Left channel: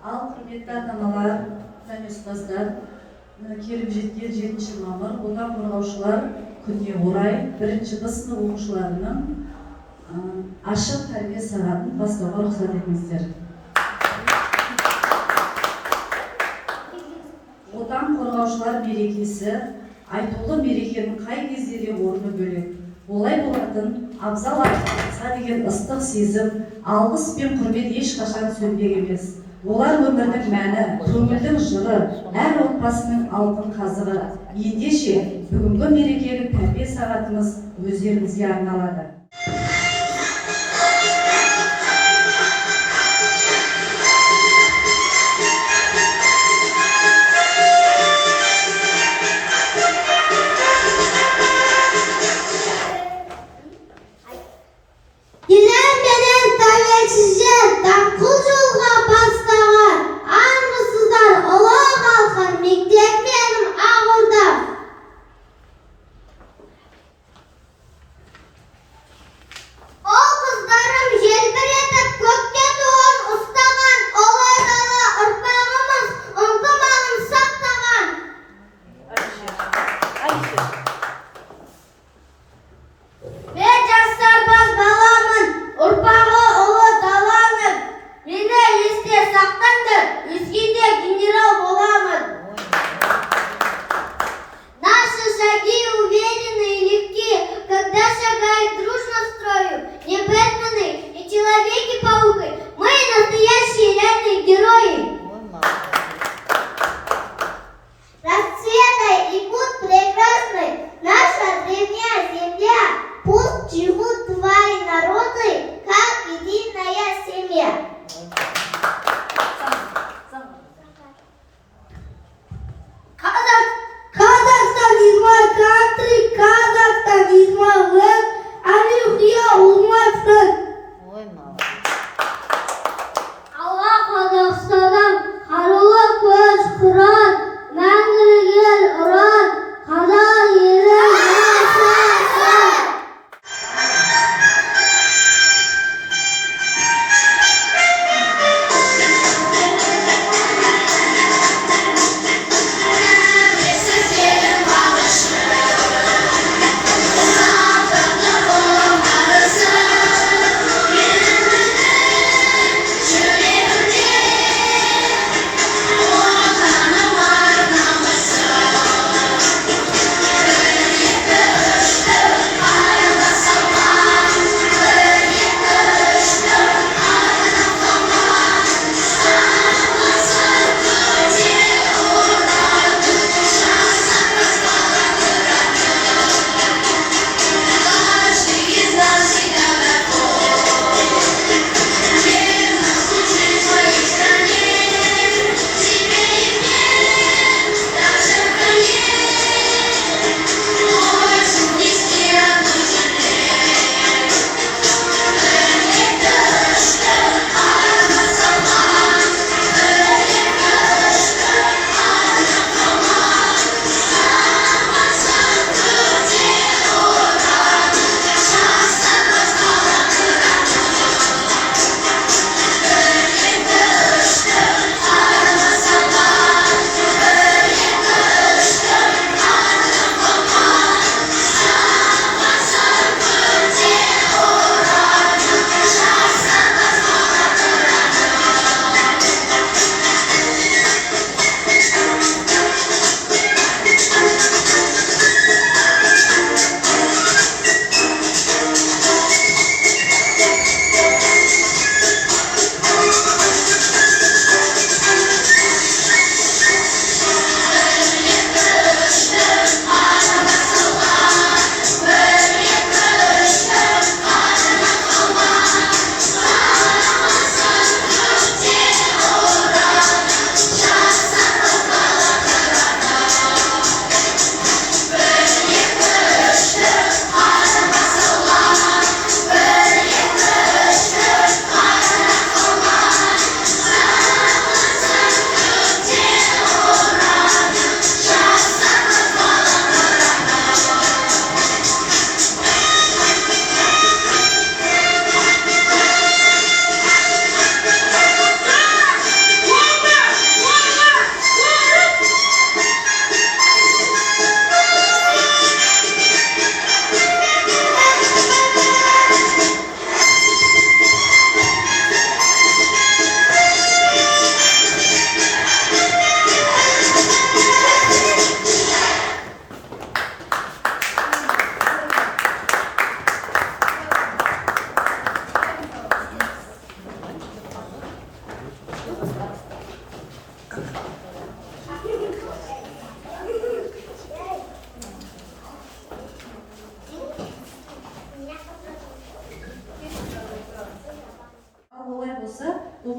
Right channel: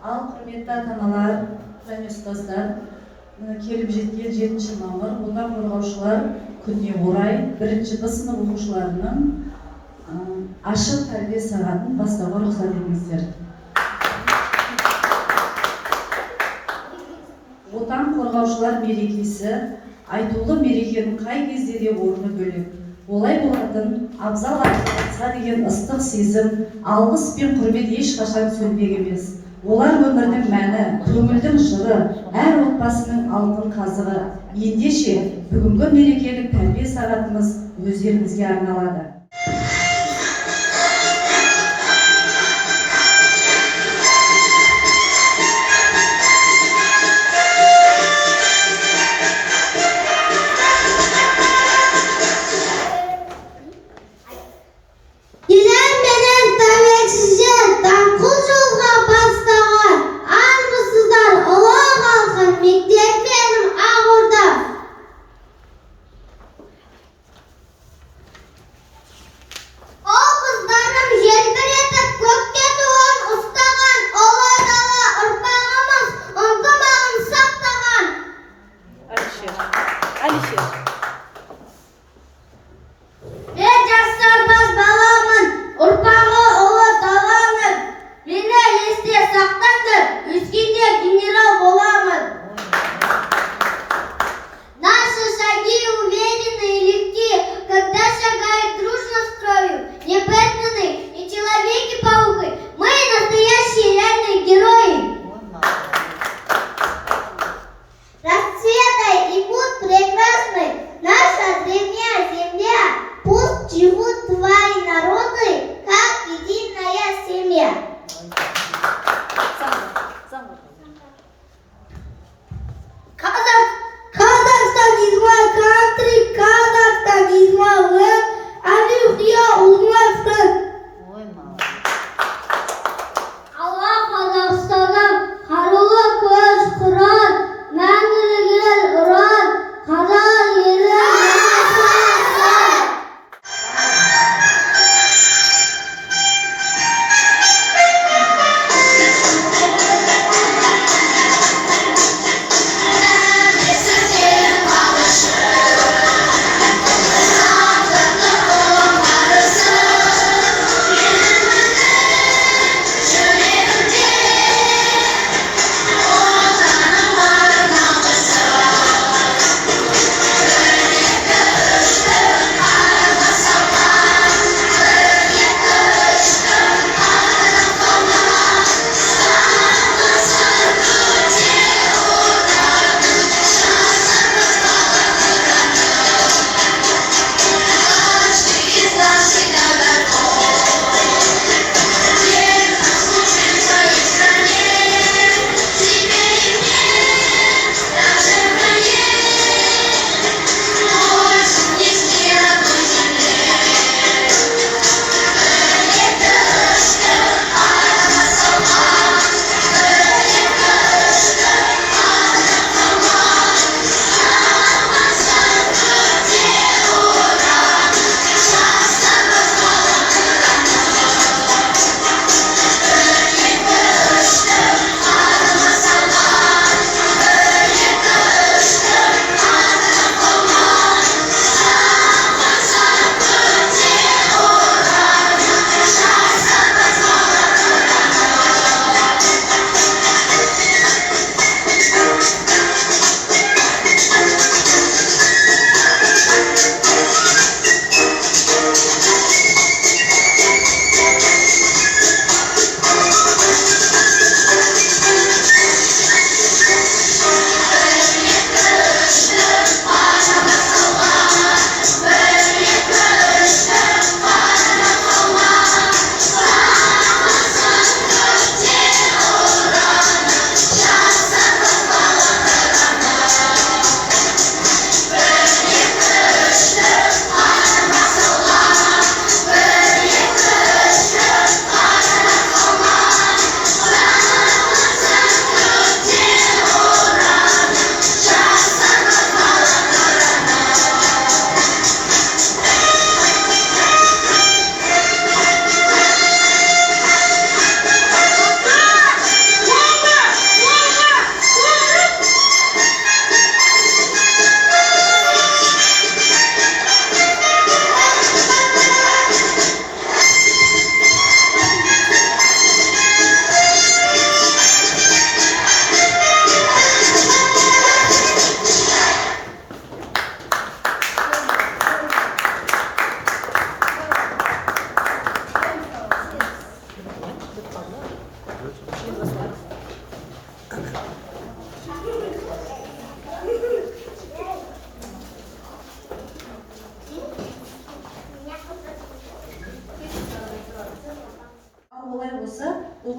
Ал құрметті ата-аналар және ұстаздар, келіп жеткен 7 мамыр отан қорғаушылар күніне орай 1-ші Б сынып оқушыларының ашық тәрбие сағатын бастауға рұқсат етіңіздер. Отан қорғаушылар мерекесі айтулы мерекенің қай кезде де орны бөлек. Олай болатын абзал атқарса деген ыстық сезім, алғыс пен құрмет ешқашан сөнбек емес. Олар өмірдің мәні, көңілдің жыры, әр отбасының алтын қазығы. Ендеше бүгінгі мерекелік тәрбие сағатымыз өздеріңізге арналады.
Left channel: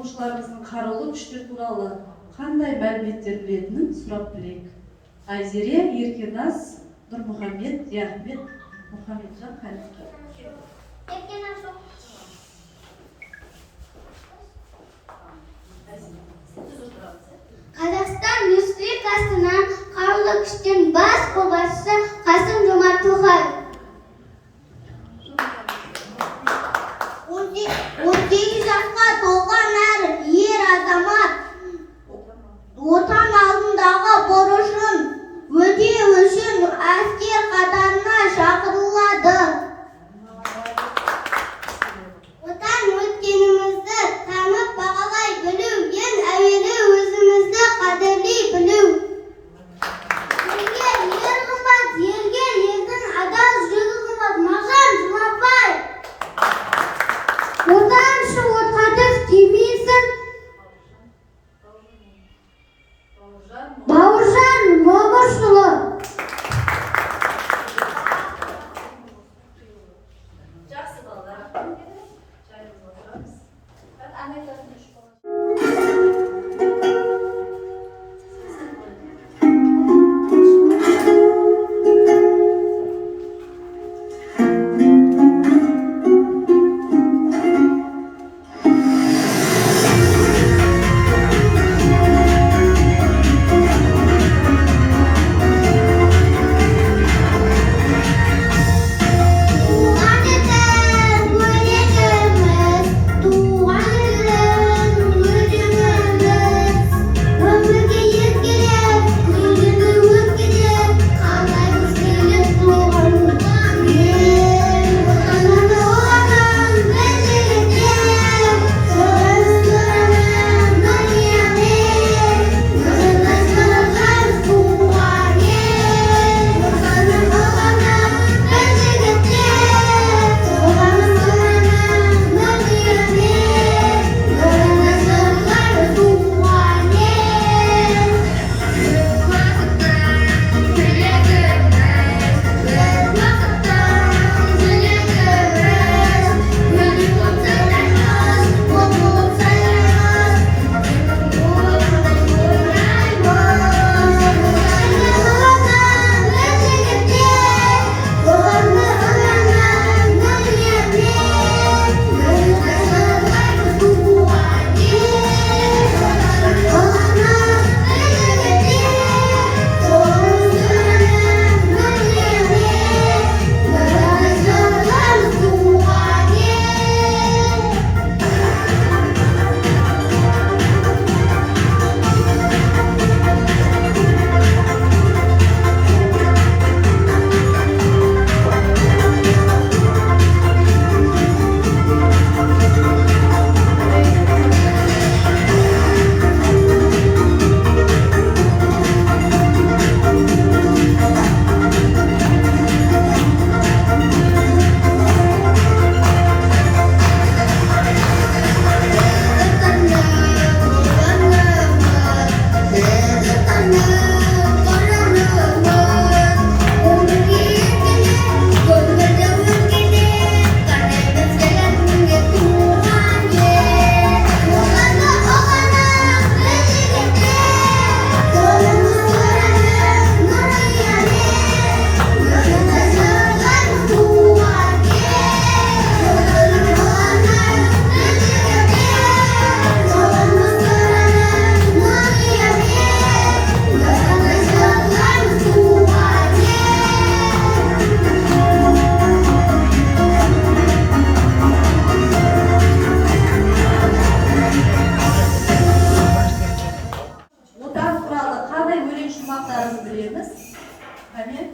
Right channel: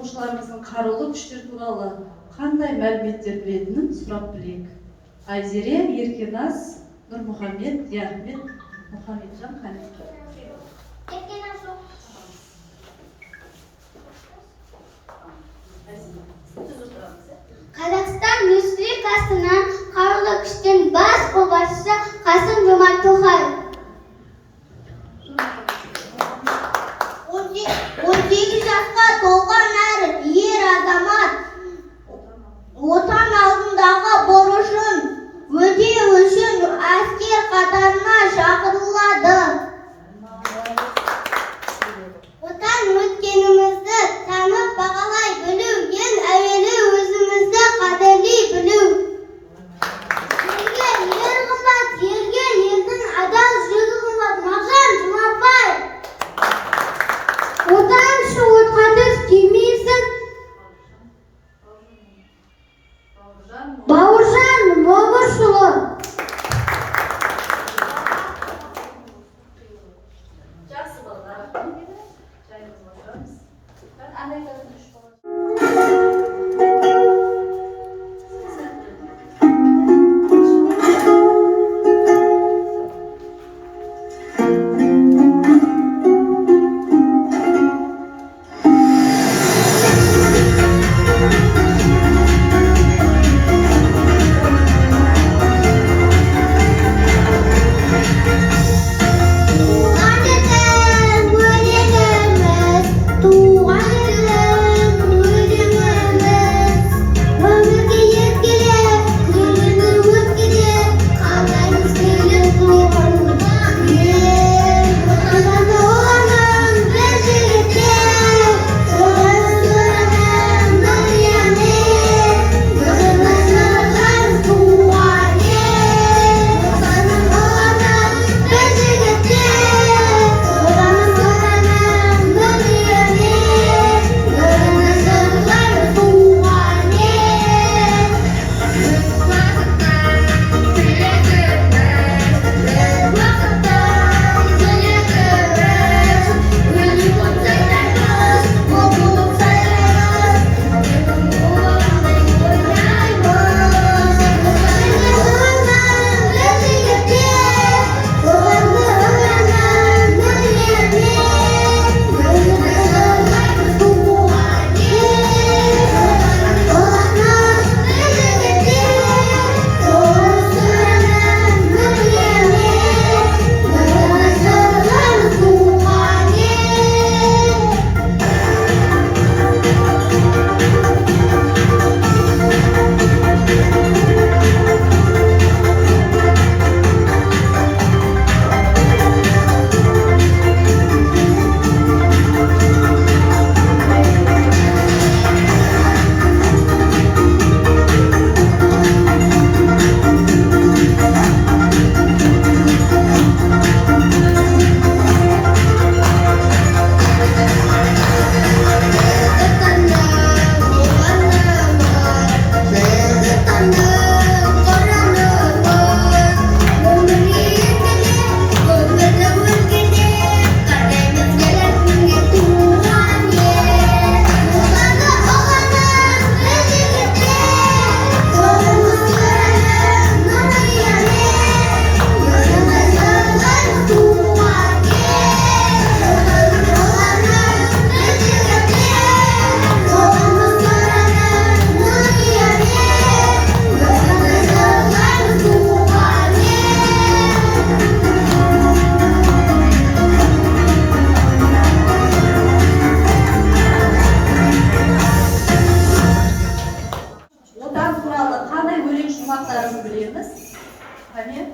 оқушыларымыздың қарулы күштер туралы қандай мәліметтер білетінін сұрап білейік. Айзере, Еркеназ, Нұрмұхамед, Яхмет, Мұхамеджан, Халид. Қазақстан Республикасының қарулы күштер бас қолбасшысы Қасым-Жомарт Тоқаев. 18 жасқа толған әр ер азамат отан алдындағы борышын өтеу үшін әскер қатарына шақырылады. Отан өткенімізді танып бағалай білу, ең әуелі өзімізді қадірлей білу. Елге ер қымбат, елге елдің адал жүрегі қымбат. Мағжан Жұмабаев. Отаншы отқадыр демейсің. Бауыржан Момышұлы. Жақсы балалар. Жайымызға отырамыз. Ben Amerika'sın üç baba.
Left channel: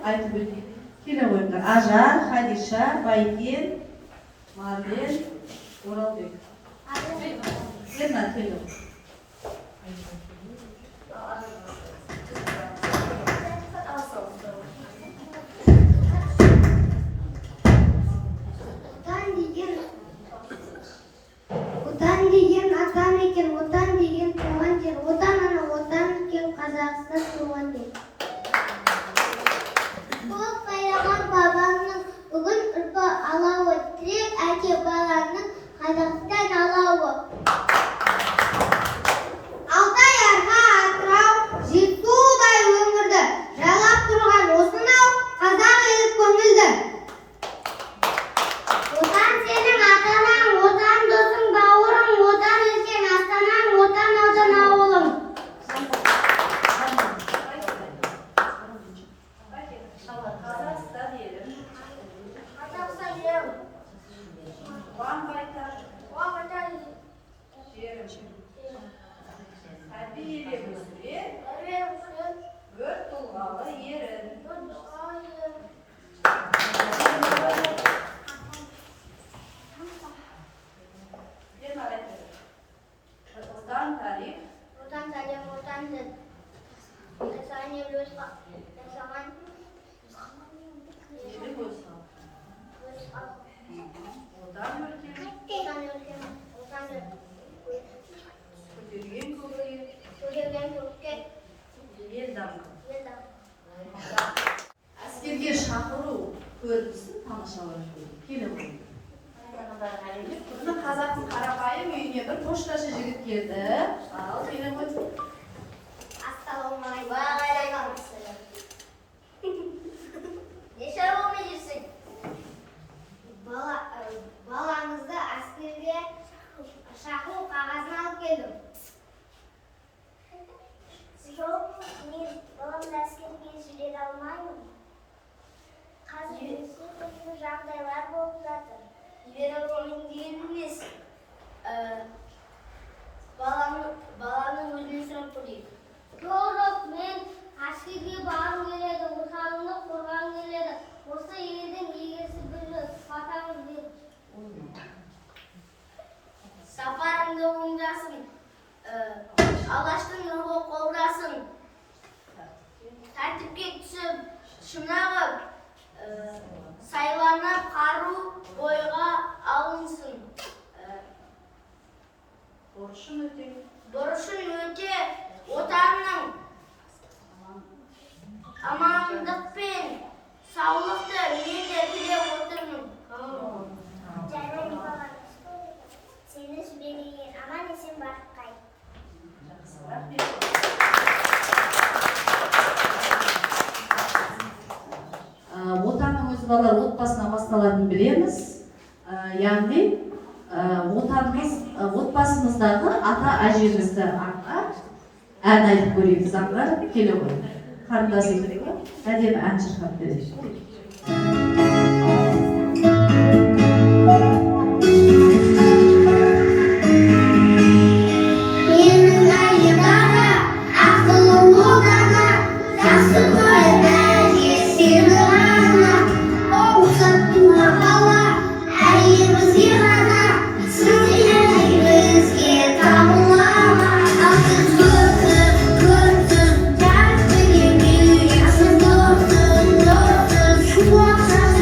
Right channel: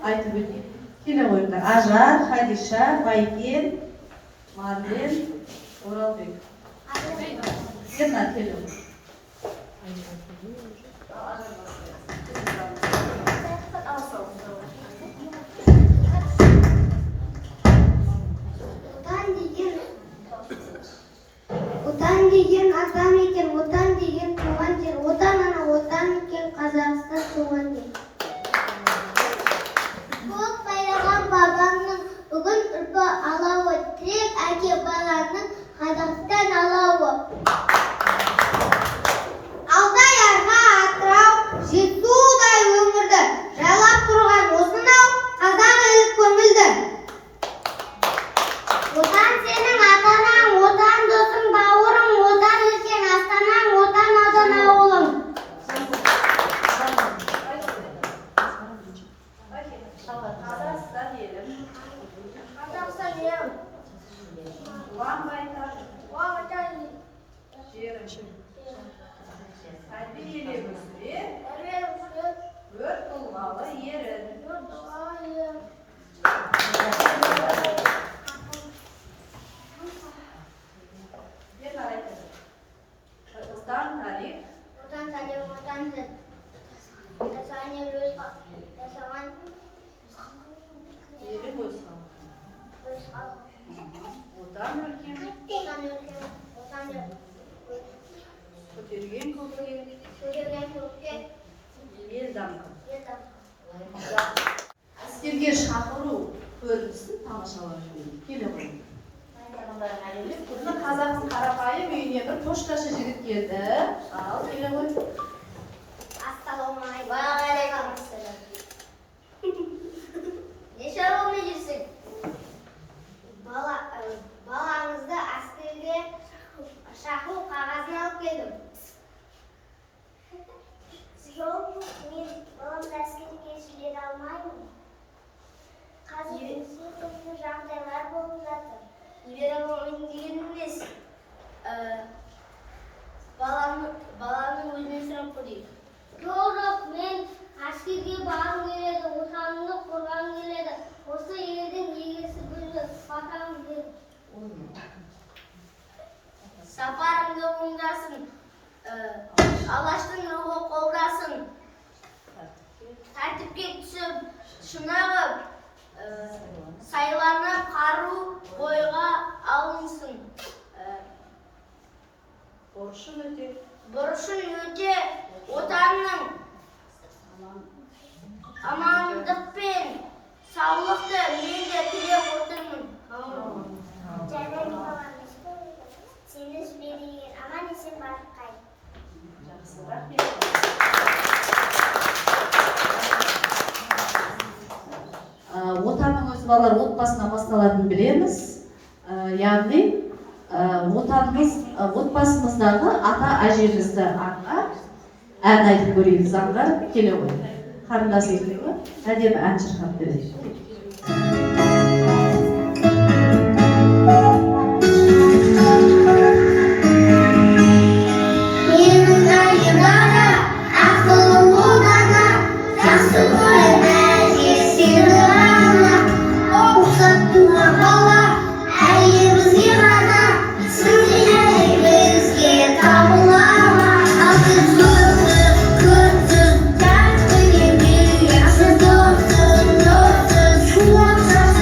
айтып өтейік. Келе қойыңдар. Ажар, Хадиша, Байкен, Марлен, Оралбек. Ерна, келе қой. Отан деген атан екен, отан деген туған жер, отан ана отан екен, Қазақстан туған жер. Көк байлаған бабамның бүгін үрпі алауы, тірек әке баланың Қазақстан алауы. Отан өркен, Отан өркен, отан көтерген көкке, көтерген көкке, ел дамқан. ел дамқан. Әскерге шақыру көрінісін тамашалап келе ғой. Бұны қазақтың қарапайым үйіне бір пошташы жігіт келді. Ал келе ғой. Ассалаумағалейкум. Уағалейкум ассалам. Не шаруамен жүрсің? Балаңызды әскерге шақыру қағазын алып келдім. Жоқ, мен баламды әскерге жібере алмаймын. Қазір өте түрлі жағдайлар болып жатыр. Жібере алмаймын деген емес. Баланың өзінен сұрап көрейік. Жоқ, мен әскерге барғым келеді, отанымды қорғағым келеді. Осы елдің егесі гүлі батамыз деді. Сапарыңды оңдасын, Алаштың рухы қолдасын. Тәртіпке түсіп, шынығып, сайланып қару бойға алынсын. Борышын өте, отанның амандық пен саулықты мен де тілеп отырмын. Жарайды баламыз, сені жіберейін, аман есен барып қайт. Жақсы, рахмет. Отанның өзі балалар отбасынан басталатынын білеміз. Яғни отбасымыздағы ата әжемізді аңғар ән айтып көрейік. Аңғар келе ғой. Қарындас екеуі әдемі ән шырқап береді. What's up?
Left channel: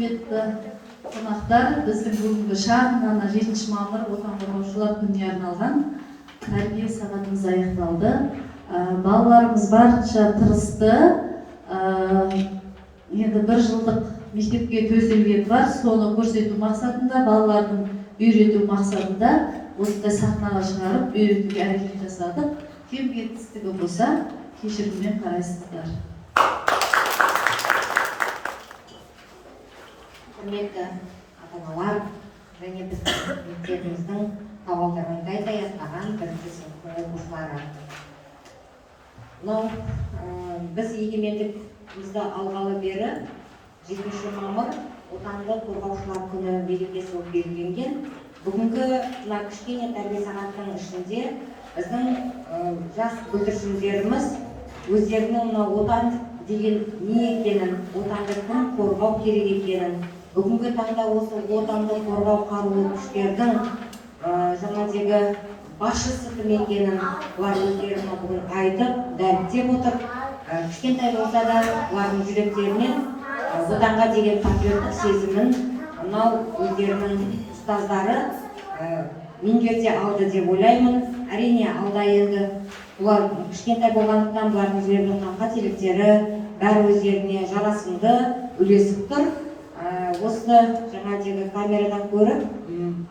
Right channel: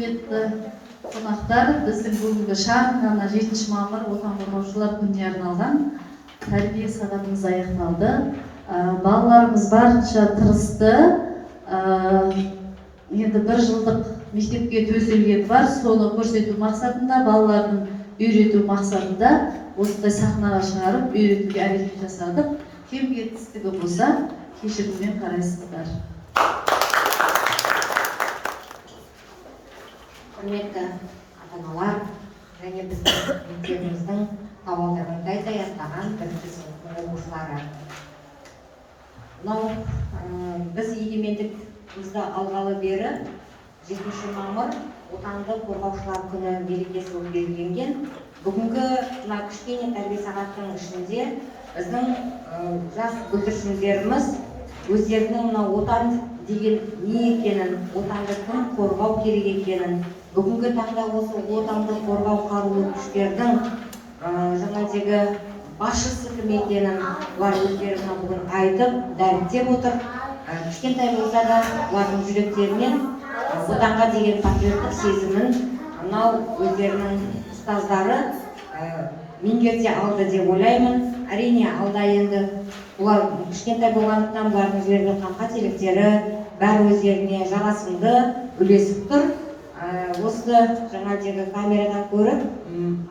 құрметті қонақтар, біздің бүгінгі шағын ғана 7 мамыр отан қорғаушылар күніне арналған тәрбие сағатымыз аяқталды. Балаларымыз барынша тырысты. Енді 1 жылдық мектепке төселгені бар, соны көрсету мақсатында, балалардың үйрету мақсатында осындай сахнаға шығарып, үйретуге әрекет жасадық. Кем кетістігі болса, кешіріммен қарайсыздар. Құрметті ата-аналар және біздің мектебіміздің табалдырығын аттаған 1-ші сыныптың оқушылары. Мынау біз егемендігімізді алғалы бері 7 мамыр отандық қорғаушылар күні мерекесі болып белгіленген. Бүгінгі мына кішкене тәрбие сағаттың ішінде біздің жас бүлдіршіндеріміз өздерінің мына отан деген не екенін, отанды кім қорғау керек екенін, бүгінгі таңда осы отанды қорғау қарулы күштердің жаңадегі басшысы кім екенін олар өздеріне бүгін айтып, дәріптеп отыр. Кішкентай болса да олардың жүректерінен отанға деген патриоттық сезімін мынау өздерінің ұстаздары меңгерте алды деп ойлаймын. Әрине алда енді олар кішкентай болғандықтан бұлардың жіберген қателіктері бәрі өздеріне жарасымды үлесіп тұр. Осы жаңадегі камерадан көріп,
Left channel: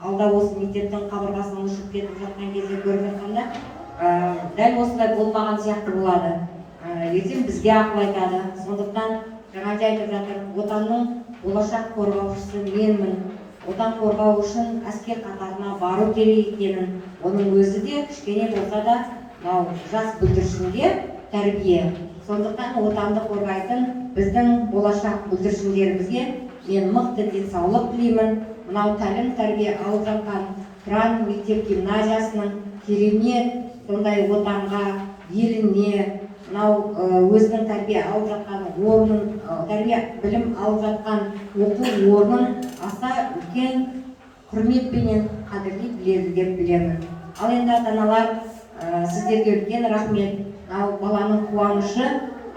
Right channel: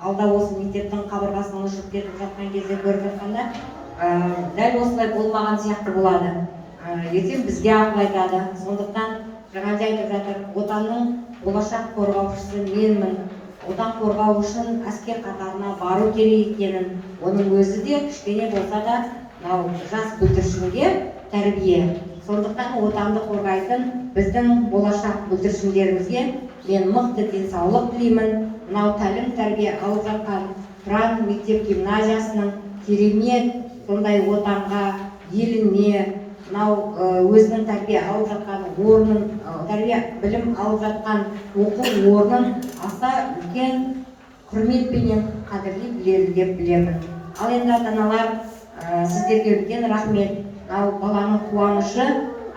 алда осы мектептің қабырғасынан ұшып кетіп жатқан кезде көріп жатқанда, дәл осылай болмаған сияқты болады. Ертең бізге ақыл айтады. Сондықтан жаңада айтып жатыр, отанның болашақ қорғаушысы менмін. Отан қорғау үшін әскер қатарына бару керек екенін, оның өзі де кішкене болса да жас бүлдіршінге тәрбие. Сондықтан отанды қорғайтын біздің болашақ бүлдіршіндерімізге мен мықты денсаулық тілеймін. Мынау тәлім тәрбие алып жатқан Тұран мектеп гимназиясының керемет сондай отанға, еліне, мынау өзінің тәрбие алып жатқан орнын, тәрбие білім алып жатқан оқу орнын аса үлкен құрметпенен қадірлей біледі деп білемін. Ал енді ата-аналар, сіздерге үлкен рахмет. Мынау баланың қуанышы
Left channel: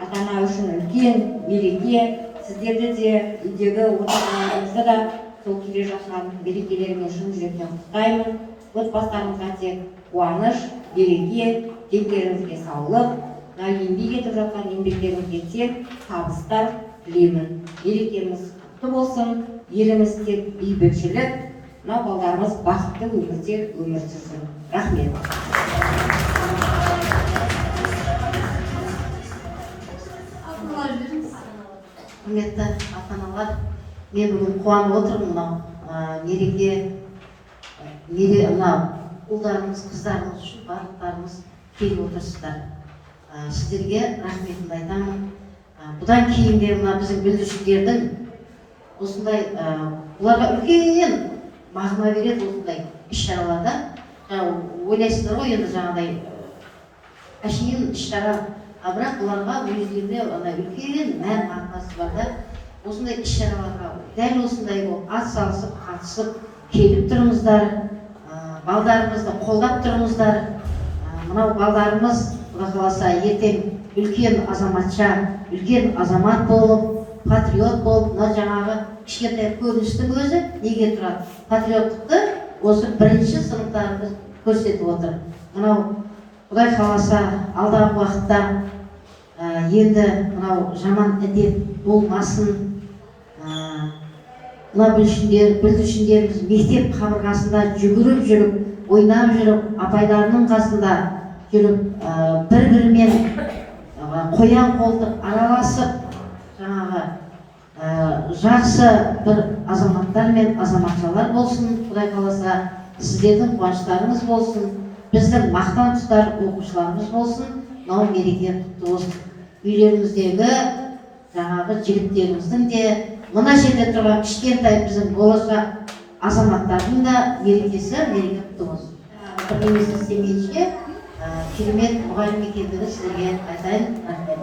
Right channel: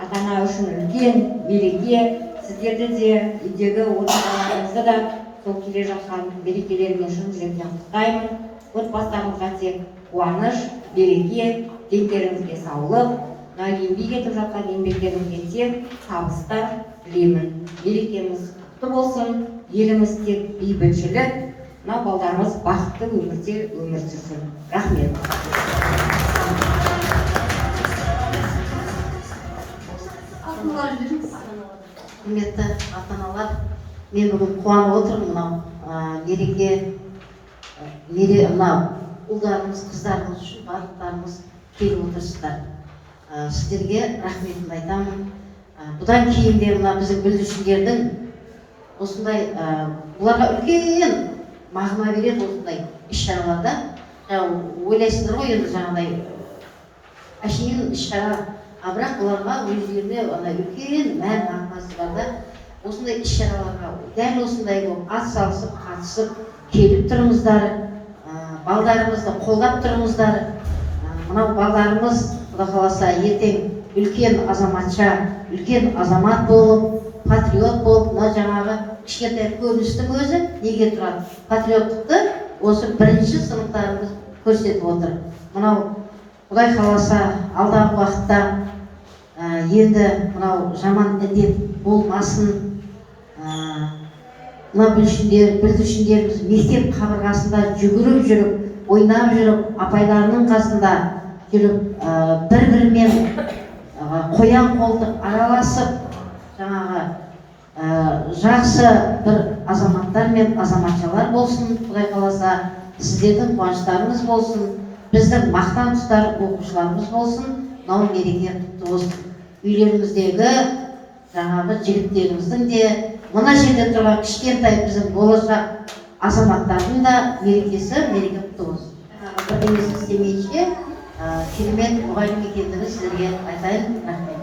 ата-ана үшін үлкен мереке. Сіздерді де, үйдегі отбасыларыңызды да сол келе жатқан мерекелеріне шын жүректен құттықтаймын. Отбасыларыңызға тек қуаныш, береке, дентеріңізге саулық, еңбек етіп жатқан еңбектеріңізге тек табыстар тілеймін. Мерекеміз құтты болсын, еліміз тек бейбітшілік, мына балдарымыз бақытты өмірде өмір сүрсін. Рахмет. Құрметті ата-аналар, мен бүгін қуанып отырмын. Мереке, ұлдарымыз, қыздарымыз үшін барлықтарымыз келіп отырсыздар. Сіздерге рахметімді айтамын. Бұдан кейін де біздің бүлдіршіндердің осындай, бұларға үлкен мағына береді осындай іс-шараларда. Ойлайсыздар ғой, енді жаңағыдай әшейін іс-шара, бірақ бұларға өздеріне үлкен мән мағынасы бар да, осындай іс-шараларға дәл осындай атсалысып, қатысып келіп тұрмыздар, балдарымызды қолдап тұрмыздар. Мынау балдарымыз, Құда қаласа, ертең үлкен азаматша, үлкен азамат болып, патриот болып, мына жаңағы кішкентай көріністің өзі неге тұрады? Патриоттықты осы 1-ші сыныптарымыз көрсетіп отыр. Мынау Құдай қаласа, алдағы уақытта енді мынау жаман індет болмасын. Мына бүлдіршіндеріміз мектеп қабырғасында жүгіріп жүріп, ойнап жүріп, апайларының қасында жүріп, бір-бірімен қоян қолтық араласып, жаңағы жақсы бір азаматтар мен азаматшалар болсын. Құдай қаласа, сіздердің қуаныштарыңыз болсын, біздің мақтан тұтар оқушыларымыз болсын. Мынау мереке құтты болсын. Үйлеріміздегі жаңағы жігіттеріміздің де, мына жерде тұрған кішкентай біздің болашақ азаматтардың да мерекесі құтты болсын. Бірдеңесі істемейінше, керемет мұғалім екендігін сіздерге айтайын. Рахмет.